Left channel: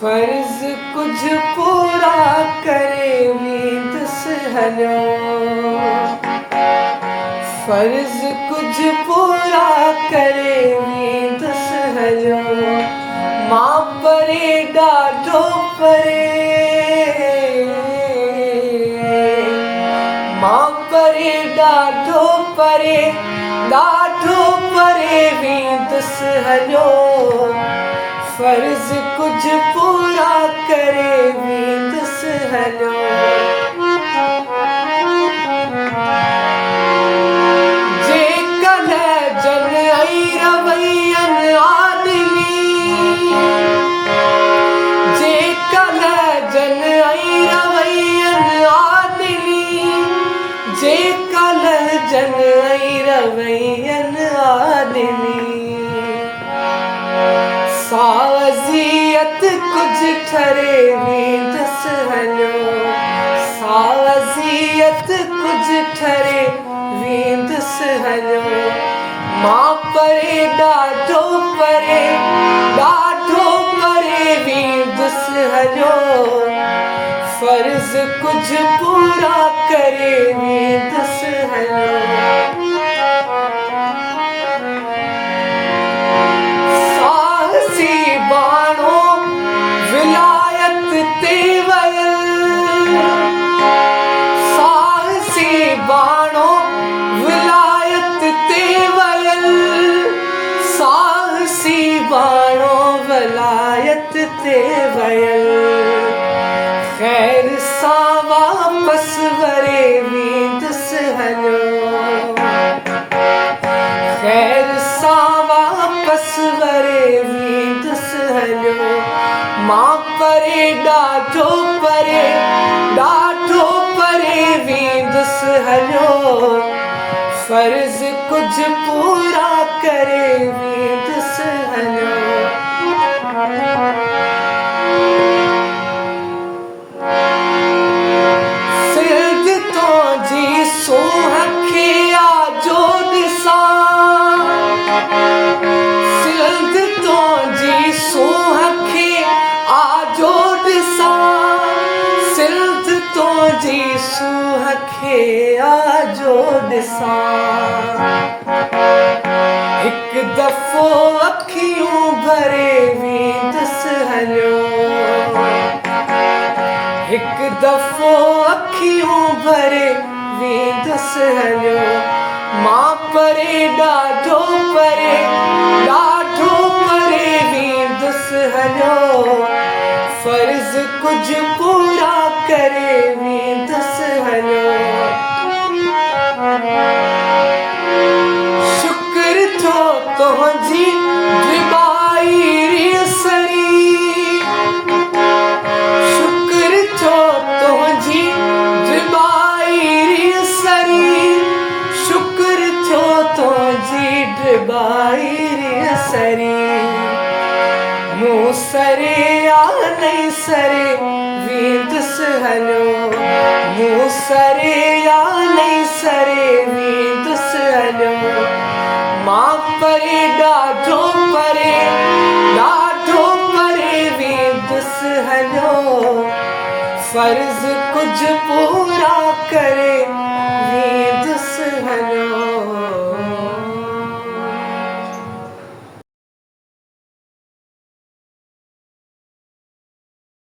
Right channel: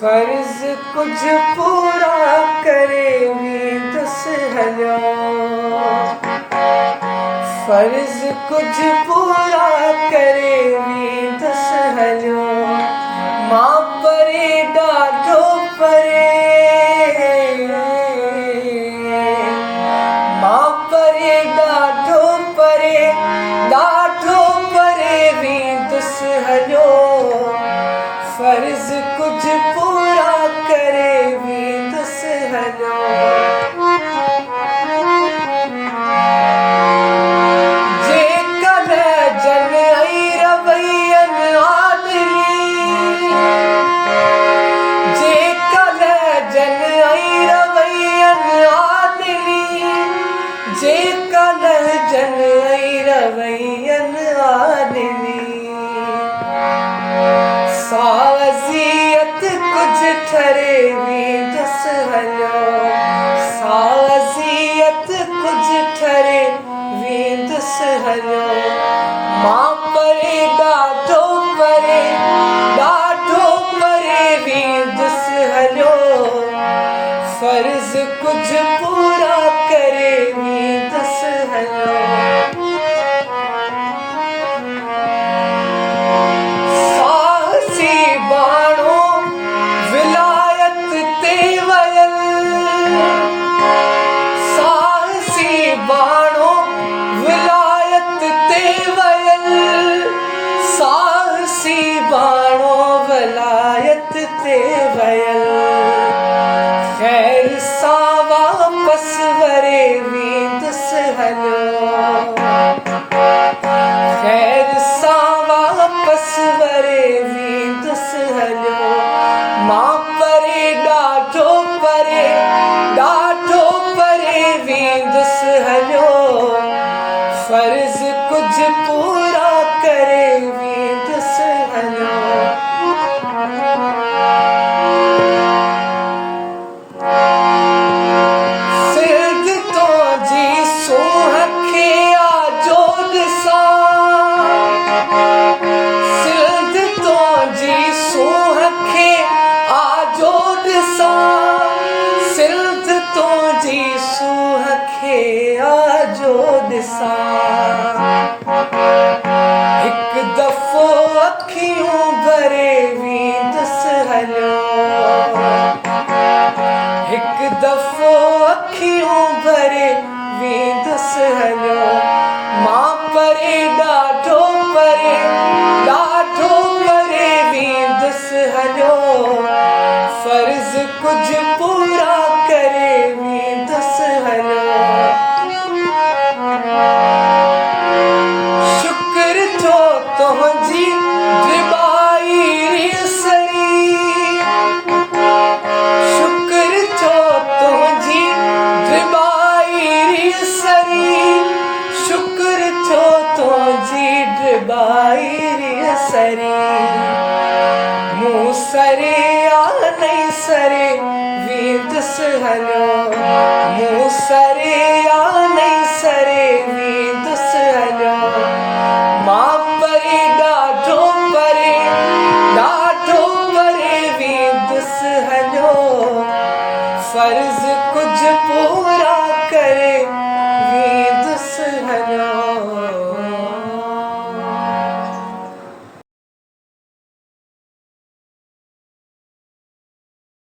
फर्ज कुछ पूरा करे दस हलो। फर्ज कुछ पूरा करे दस हलो। मां परे ॾाढो परे, मां परे ॾाढो परे, ॾाढो परे वेंदस हलो। फर्ज कुछ पूरा करे वेंदस हलो। जेकल जन ऐं रवैयन आदमी, जेकल जन ऐं रवैयन आदमी, जेकल जन ऐं रवैयन आदमी। सावज़ियत कुछ ठरे वेंदस हलो। सावज़ियत कुछ ठरे वेंदस हलो। मां परे ॾाढो परे, ॾाढो परे वेंदस हलो। फर्ज कुछ पूरा करे वेंदस हलो। बाणो विलायत ते वयल, साहसी बाणो विलायत ते वयल। ख़ैर सां वापस वरे वेंदस हलो। ख़ैर सां वापस वरे वेंदस हलो। मां परे ॾाढो परे, ॾाढो परे वेंदस हलो। फर्ज कुछ पूरा करे वेंदस हलो। सिल्द तो जी सूंह खे आजो ॾिसां, सिल्द तो जी सूंह खे आजो ॾिसां, सिल्द तो जी सूंह खे आजो ॾिसां। हिकु दफ़ो अखियूं भरे वेंदस हलो। हिकु दफ़ो अखियूं भरे वेंदस हलो। मां परे ॾाढो परे, ॾाढो परे वेंदस हलो। फर्ज कुछ पूरा करे वेंदस हलो। शुक्र थो तुंहिंजी ड्रिबाई सड़ी, शुक्र थो तुंहिंजी ड्रिबाई सड़ी, शुक्र थो तुंहिंजी ड्रिबाई सड़ी। मूं सरे या नहीं सरे वेंदस हलो। मूं सरे या नहीं सरे वेंदस हलो। मां परे ॾाढो परे, ॾाढो परे वेंदस हलो। फर्ज कुछ पूरा करे